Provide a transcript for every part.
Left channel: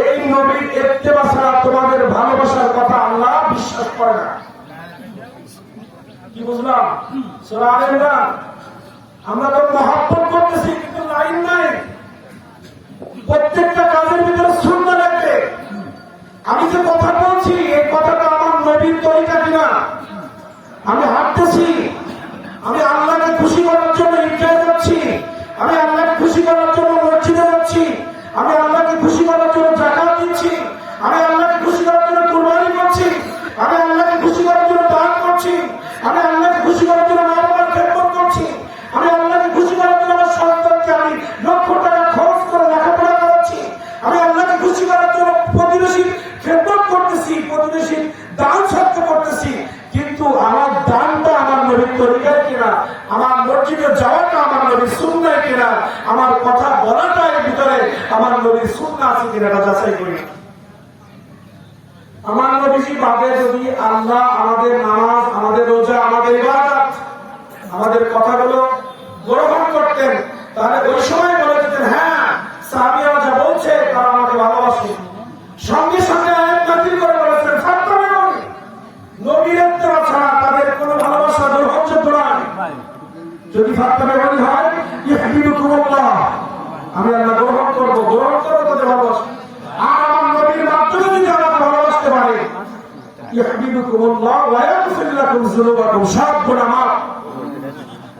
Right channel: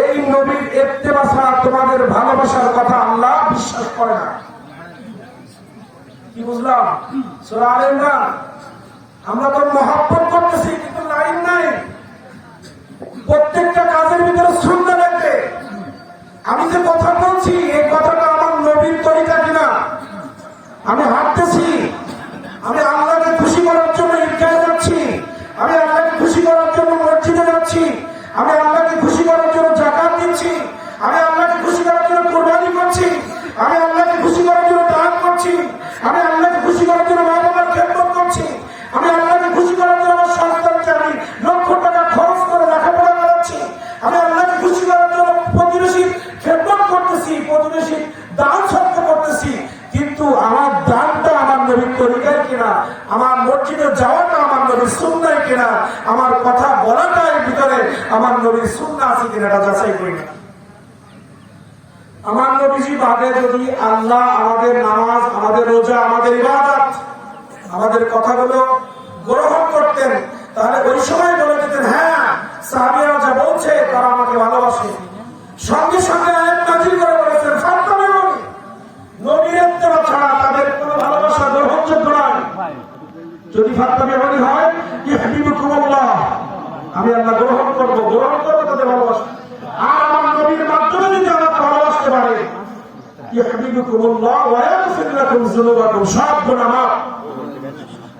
এই নবীর ইত্তেবা ছাড়া তোমাদের ভালোবাসার কথা আল্লাহ বিশ্বাস করে না। কি বুঝলাম? সূরা আলে ইমরান। আমরা তো মহব্বত করতেছি কিন্তু লাইন নাই। প্রত্যেকটা কাজের ভিতরে সুন্নাহ লাগবে। আমি যে কথা বলছি এই কথাটা আমার নবীর তরিকা কিনা, আমি হাঁটতেছি, আমি আল্লাহকে খুশি করার জন্য ইনকার করছি, আমি আল্লাহকে খুশি করার জন্য মসজিদে যাচ্ছি, আমি আল্লাহকে খুশি করার জন্য যাকাত দিচ্ছি, আমি আল্লাহকে খুশি করার জন্য কুরবানি করছি, আমি আল্লাহকে খুশি করার জন্য দান করছি, আমি আল্লাহকে খুশি করার জন্য মা-বাবার খেদমত করছি, আমি আল্লাহকে খুশি করার জন্য আমার সন্তানকে আমি লক্ষ টাকা খরচ করে লেখাপড়া করাচ্ছি, আমি আল্লাহকে খুশি করার জন্য প্রতিবেশীর খেদমত করতেছি, প্রতিবেশীর দান সত্য করতেছি। কিন্তু আমার দানটা আমার নবীর তরিকায় কিনা, আমার মসজিদে যাওয়াটা আমার নবীর সুন্নাহ কিনা, আমার কথা বলাটার ভিতরে আমার নবীর সুন্নাহ আছে কিনা এটা যাচাই করি। আমার নবীজি বাদে যদি আল্লাহ আমাদের নামাজ, আমাদের রোজা, আমাদের ইবাদত, আমাদের কথাগুলো গ্রহণ করতেন, তাহলে ওই সময় বলে দিতেন হ্যাঁ সাহাবীরা যা বলছে তারা আমাকে ভালোবাসে। সঙ্গে সঙ্গে আয়াত নাযিল করে বলেছেন ফাত্তাবিউনি, নবীর ইত্তেবা ছাড়া তাদের কোনো ভালোবাসা গ্রহণযোগ্য নয়। যদি ফাত্তাবিউনি হয় ইহবিবুকুমুল্লাহ, আমি আল্লাহ গ্রহণ করবো তাদের ভালোবাসা। আর আমার নবীর মাধ্যমে যদি আমাকে ভালোবাসতে পারে ইহবিবুকুমুল্লাহ ওয়া ইয়াগফির লাকুম যুনুবাকুম, সব গুনাহ মাফ।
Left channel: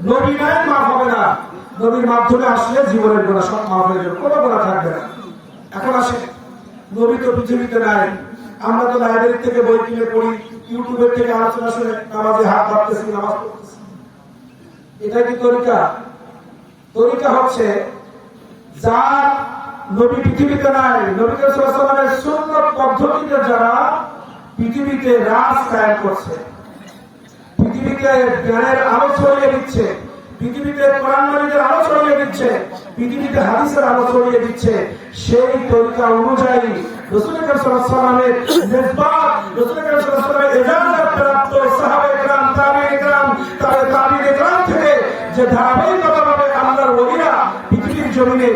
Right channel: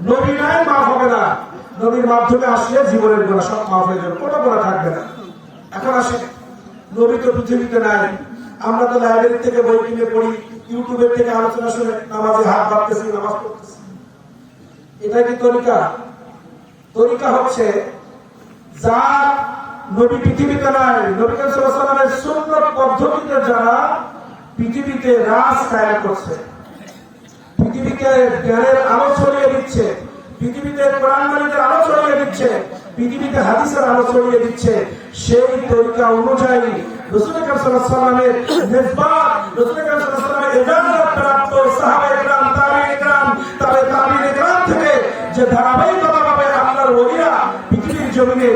নবী নাই মাফ হবে না, নবীর মাধ্যমে আসলে জীবনের গুনাহ সব মাফ হয়ে যাবে, কোনো গুনাহ থাকবে না। এখন আসে নবী তো পৃথিবীতে নাই, আমরা তো লাইব্রেরি থেকে বই কিনে পড়ি, ইউটিউবের থেকে আলোচনা শুনে নামাজে হাত বাড়তেছি, নামাজ পড়তেছি। এটা কি তরিকা? তরিকা হচ্ছে যা নবী পৃথিবীতে নাই, নবী সাল্লাল্লাহু আলাইহি ওয়াসাল্লামের সুন্নাত পদ্ধতিতে যারা পৃথিবীতে রাজ কায়েম করছে, পৃথিবীতে জ্ঞানের আলো ছড়িয়ে দিচ্ছে, পৃথিবীতে কোরআন মাজিদের আলো ছড়িয়ে দিচ্ছে, পৃথিবীতে হাদিসের আলো ছড়িয়ে দিচ্ছে, সেই তরিকা অনুযায়ী রাসূল সাল্লাল্লাহু আলাইহি ওয়াসাল্লামের নিসবত, রাসূল সাল্লাল্লাহু আলাইহি ওয়াসাল্লামের ইবাদত প্রাপ্ত সাহাবায়ে কেরাম, তাবেঈন কেরাম, তাবেঈন কেরাম থেকে যে ধারাবাহিকভাবে আল্লাহর ওলিরা পৃথিবীর জমিনে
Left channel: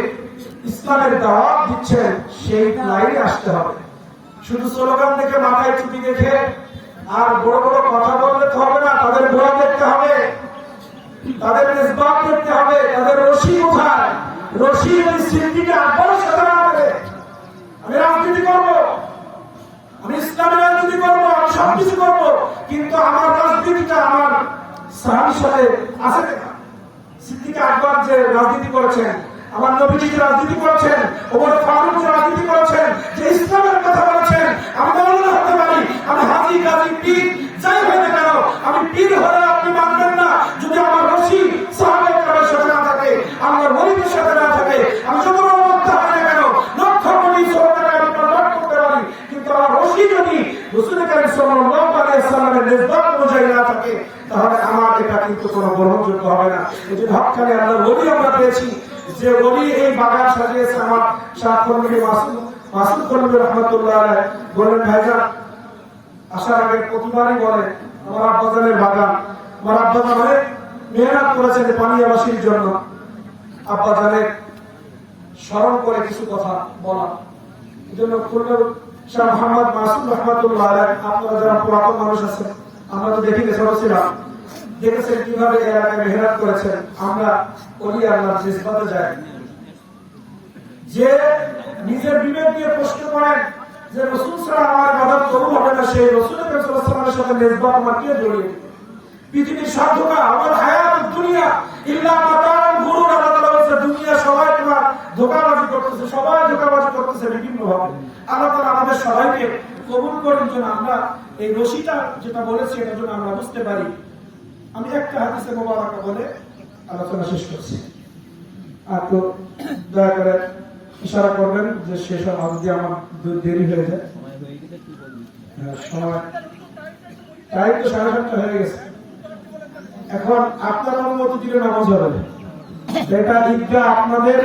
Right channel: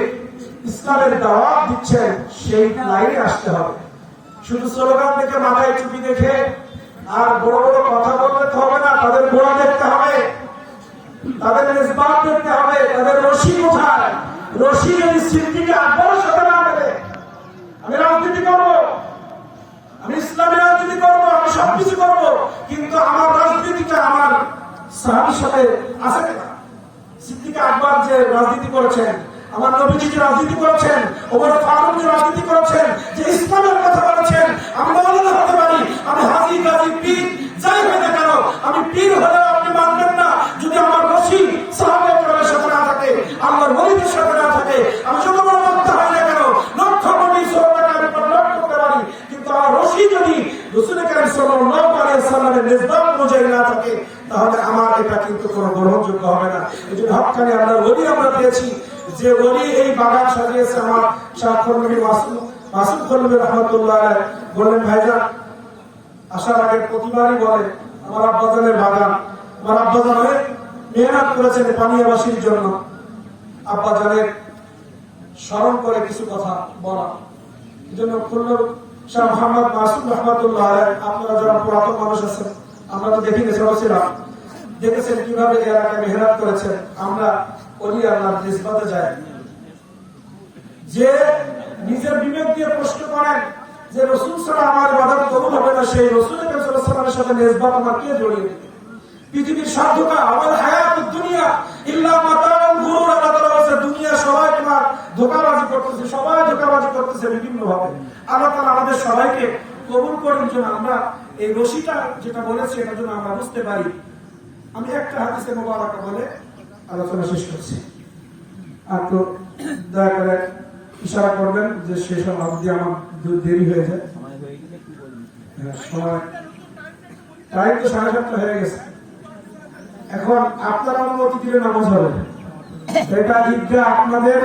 ইসলামের দাওয়াত দিচ্ছেন, সেই লাইনে আসতে হবে। শুধু স্লোগান থেকে মাথায় টুপি দেখে আর বড় বড় কথা বললে হবে না, তাদের বই দেখতে হবে, তাদের নিসবত দেখতে হবে, তাদের রশি কোথায়। রশি যদি সিদ্দিক আকবরের সাথে না করে, আমি রাজনীতি করবো, আমি ইসলামের রাজনীতি করবো, আমি সবকিছু করবো, কিন্তু আমার রাজনীতিটা আমার সাহাবীর সাথে আছে না। সিদ্দিক আকবর যে রাজনীতি করেছেন, আমার নবীজি যে রাজনীতি করেছেন, ওমর ফারুক যে রাজনীতি করেছেন, যে ইসলামের কথা বলেছেন, আমি মৌলানা হতে পারি, আমি হাজী গাজী পীর যাই হয় না কেন, আমি পীর হলে আপনি মানবেন না যদি আমার রশি সাহাবায়ে কেরামের সাথে না থাকে, আল্লাহর ওলিদের সাথে না থাকে। আমি যত বড় বক্তা হয় না কেন, লক্ষ কোটি শ্রোতাকে আমি কন্ট্রোল করতে পারি, কিন্তু আমার রশি যদি রাসূল কারীম সাল্লাল্লাহু আলাইহি ওয়াসাল্লামের নিসবত অনুযায়ী না থাকে, তাহলে আমার এটা কিন্তু কোনো গ্রহণযোগ্য হবে না। এই যে হক্কানি আল্লাহর ওলি আমরা পেয়েছি, যে ওলি এই বাগান সাজিয়েছে আমার শাহ কর্মী মাসুদ কর্মী রহমতুল্লাহ আলাইহি বলেন, ভাইজান আসার আগে প্রতিবারই বলে আমার আব্বাজানের বাগান, আমার আব্বাজানের মেহনত করেছেন পানিয়াবাসীর জন্য, আব্বাজানের স্মরণ করে কিছু কথা বলা। এই জন্য খুলনার শাহ মোহাম্মদ মাসুদ রহমতুল্লাহ আলাইহি, আপনারা যারা পুরাতন মানুষ আছেন, আমরা তো দেখিনি, সবাই ছিলাম, দেখেছেন কিভাবে এলাকায় মেহনত করেছেন। আমরা ওলি আল্লাহর নিসবতে যাই, যে নিজের বিবেক দিয়ে প্রশ্ন করেন যে রাসূল সাল্লাল্লাহু আলাইহি ওয়াসাল্লাম আমার ইবাদত কবুল হবে না, সেই রাসূল সাল্লাল্লাহু আলাইহি ওয়াসাল্লামের সাথে নিসবত আমার কে জড়িয়ে দিবে? পৃথিবীর সব ধোঁকা, আমার হায়াতুদ দুনিয়া ইল্লা মাতাউল গুরুর, আল্লাহ তাআলা বলেছে দুনিয়া সবাই তোমার ধোঁকাবাজি করতেছে, সবাই ধোঁকাবাজি করতেছে বিভিন্ন ভাবে। আল্লাহ তাআলা আমাদের সবাইকে কবুল করেন যেন আমরা এই রশিটা যেটা বলেছি এটার জন্য আমরা বুঝতে পারি। আমি একটা হাদিসে মোবারকা বলে আলোচনা শেষ করছি, আর তো দয়া করে ইশারা করবেন যে শেষ অবধি আমার দেরি হয়ে যায়। সময় প্রায় তো 7:30 হয়ে গেছে, এখন আপনার অনুমতি দিলে নামাজ হবে। এটা ঈদগাহ আপনাদের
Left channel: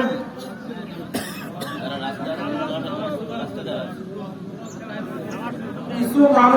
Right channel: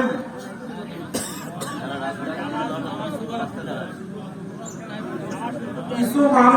কিছু মানুষ